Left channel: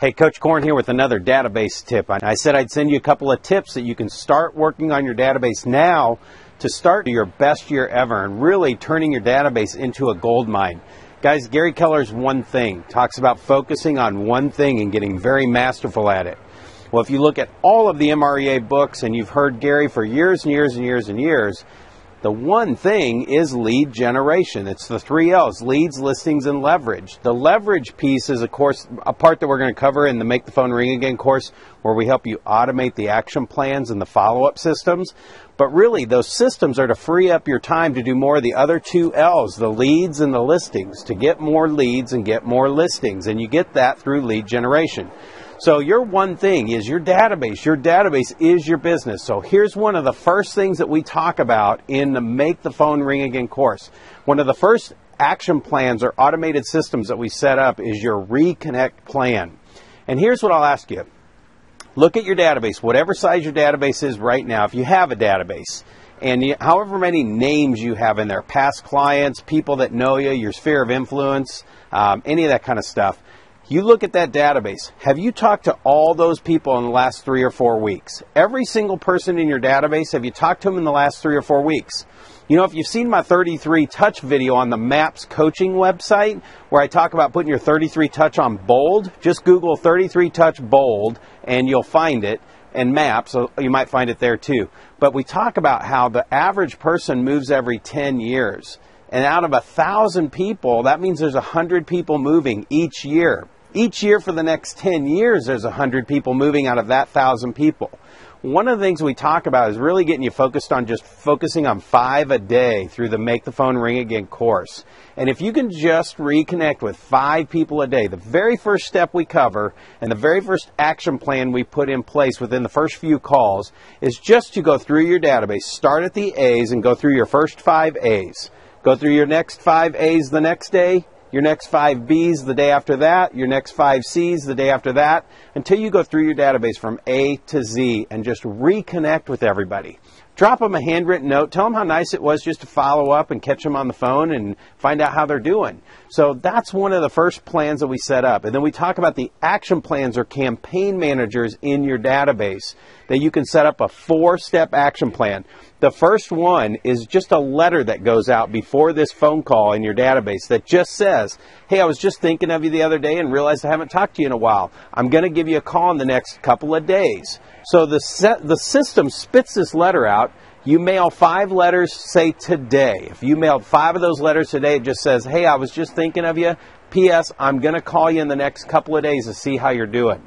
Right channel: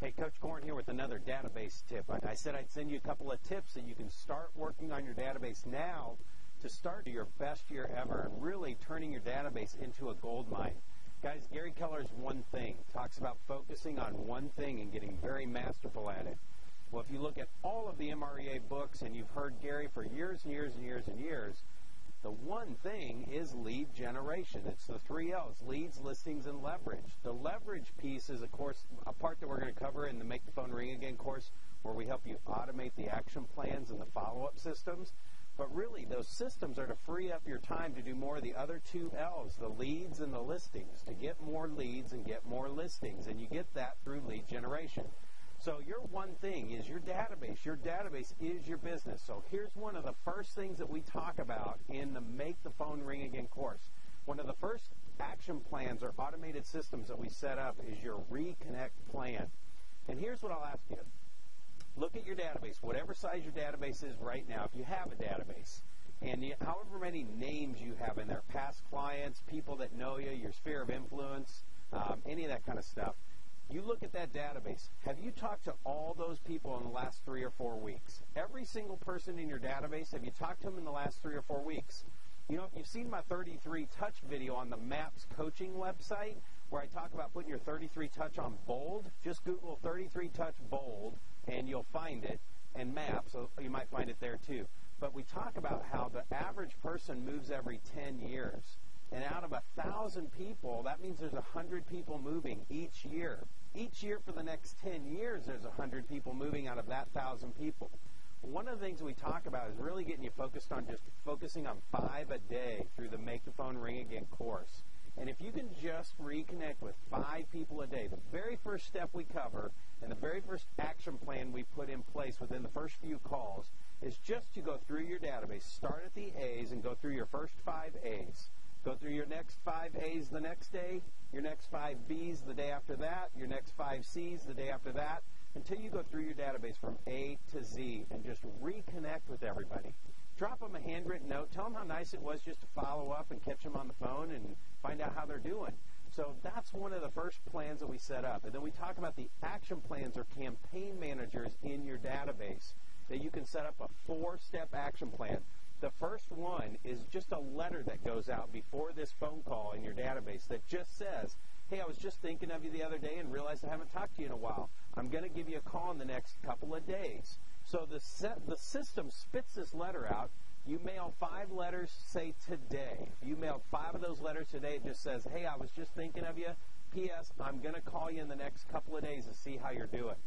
Hey, Coach Korn here with another database tip. I said I'd send you a couple of tips that you can start working on your database now to start your best year ever and really turning your database into a gold mine. Guys, Gary Keller's One Thing talks about focusing on one thing and getting very masterful at it. Well, if you look at all of the MREA books, and you've heard Gary for years and years and years and years, the one thing is lead generation. It's the 3 L's, leads, listings, and leverage. The leverage piece is, of course, a part that we're going to cover in the Make the Phone Ring Again course, where we help you automate the action plans and the follow-up systems. But really, those systems are to free up your time to do more of the other 2 L's, the leads and the listings, to get more leads and get more listings. And you get that through lead generation. So your one thing is your database. Your database is your business. So here's one of the first things that we talk about in the Make the Phone Ring Again course. One of the first action plans or automated systems that we set up is your reconnect plan. And here's what I'll ask you. Look at your database, whatever size your database is right now, if you have a database, and however many names you have in there, past clients, people that know you, your sphere of influence, any of that kind of stuff. You look at that database. Have you talked to all those people in the last 3 or 4 weeks? Every single person in your database, have you talked to them in the last 3 or 4 weeks? You know, if you've seen my 33 touch video on the MAPS coaching website, where I talk about putting your 33 touch on bold, just Google 33 touch bold and you'll find it, and MAPS, so you might find it there too. But we talk about how the average person moves every 10 years. And out of 1,000 people, that means there's 100 people moving each year. Each year for the next 10 years, there's 100 people moving out of that 1,000 people. One of the things we talk about is really getting you focused on just focusing on 5 a day through the Make the Phone Ring Again course. And if you can just reconnect with 5 people a day, the very first step we cover and the very first action plan we put in place within the first few calls is just to go through your database, start at the A's and go through your first 5 A's. Go through your next 5 A's the next day, your next 5 B's the day after that, your next 5 C's the day after that, until you go through your database from A to Z and just reconnect with everybody. Drop them a handwritten note. Tell them how nice it was just to follow up and catch them on the phone and find out how they're doing. So that's one of the first plans that we set up. And then we talk about the action plans or campaign managers in your database that you can set up a 4-step action plan. The first one is just a letter that goes out before this phone call in your database that just says, hey, I was just thinking of you the other day and realized I haven't talked to you in a while. I'm going to give you a call in the next couple of days. So the system spits this letter out. You mail 5 letters, say today. If you mailed 5 of those letters today, it just says, hey, I was just thinking of you. P.S. I'm going to call you in the next couple of days to see how you're doing.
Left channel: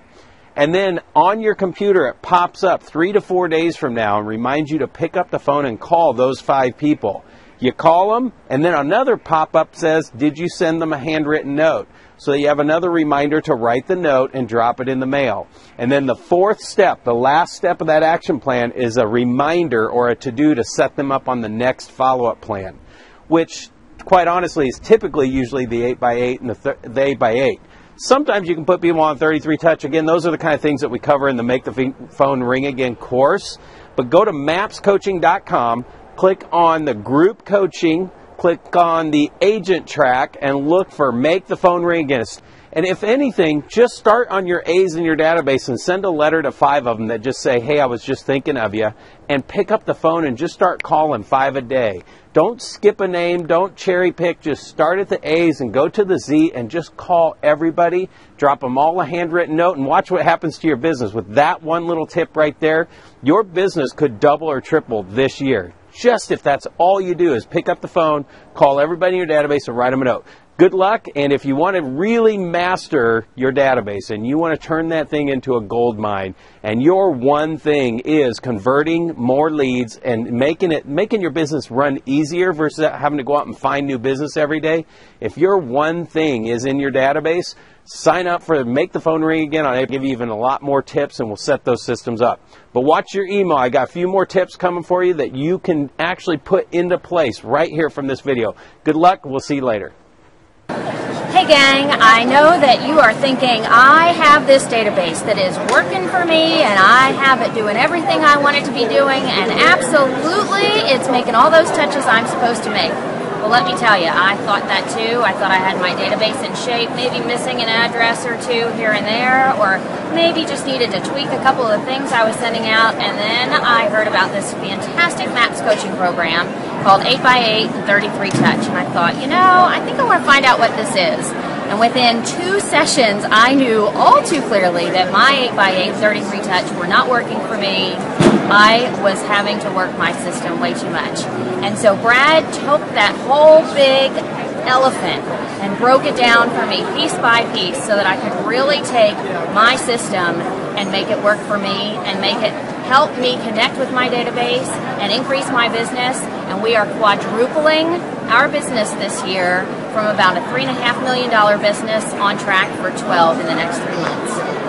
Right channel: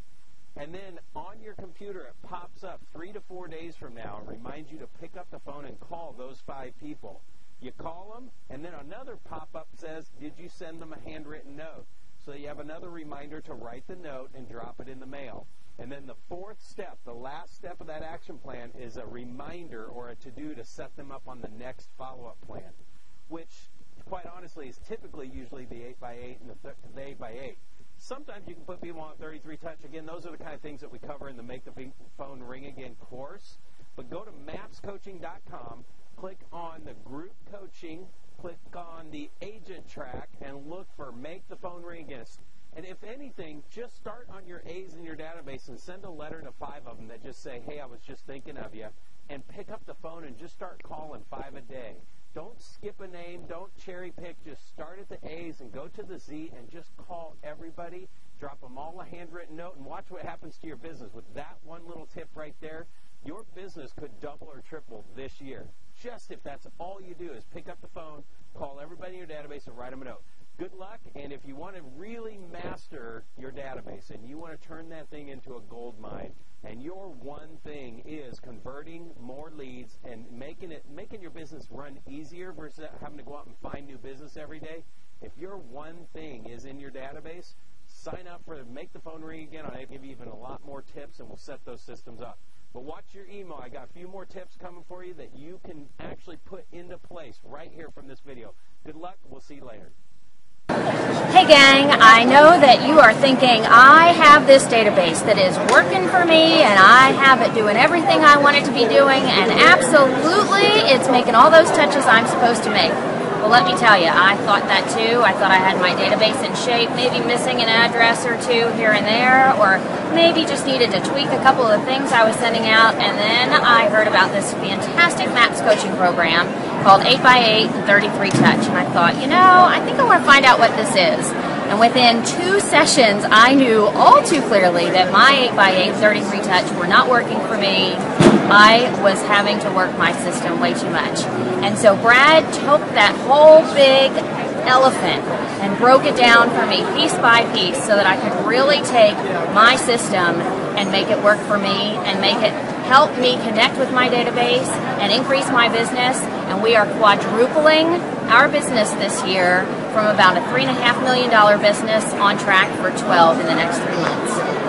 And then on your computer, it pops up 3 to 4 days from now and reminds you to pick up the phone and call those 5 people. You call them, and then another pop-up says, did you send them a handwritten note? So you have another reminder to write the note and drop it in the mail. And then the 4th step, the last step of that action plan, is a reminder or a to-do to set them up on the next follow-up plan, which, quite honestly, is typically usually the 8x8 and the 8x8. Sometimes you can put people on 33 touch. Again, those are the kind of things that we cover in the Make the Phone Ring Again course. But go to mapscoaching.com, click on the group coaching, click on the agent track, and look for Make the Phone Ring Again. And if anything, just start on your A's in your database and send a letter to 5 of them that just say, hey, I was just thinking of you, and pick up the phone and just start calling 5 a day. Don't skip a name, don't cherry pick, just start at the A's and go to the Z and just call everybody, drop them all a handwritten note, and watch what happens to your business. With that one little tip right there, your business could double or triple this year. Just if that's all you do is pick up the phone, call everybody in your database, and write them a note. Good luck, and if you want to really master your database and you want to turn that thing into a gold mine, and your one thing is converting more leads and making your business run easier versus having to go out and find new business every day, if your one thing is in your database, sign up for Make the Phone Ring Again. I'll give you even a lot more tips, and we'll set those systems up. But watch your email. I got a few more tips coming for you that you can actually put into place right here from this video. Good luck. We'll see you later. Hey gang, I know that you are thinking, I have this database that is working for me and I have it doing everything I want it to be doing, and absolutely it's making all those touches I'm supposed to make. Well, let me tell you, I thought that too. I thought I had my database in shape, maybe missing an address or two here and there, or maybe just needed to tweak a couple of things I was sending out. And then I heard about this fantastic MAPS coaching program called 8x8 and 33 Touch. And I thought, you know, I think I want to find out what this is. And within 2 sessions, I knew all too clearly that my 8x8 33 Touch were not working for me. I was having to work my system way too much. And so Brad took that whole big elephant and broke it down for me piece by piece so that I could really take my system and make it work for me and make it help me connect with my database and increase my business. And we are quadrupling our business this year from about a $3.5 million business on track for 12 in the next 3 months.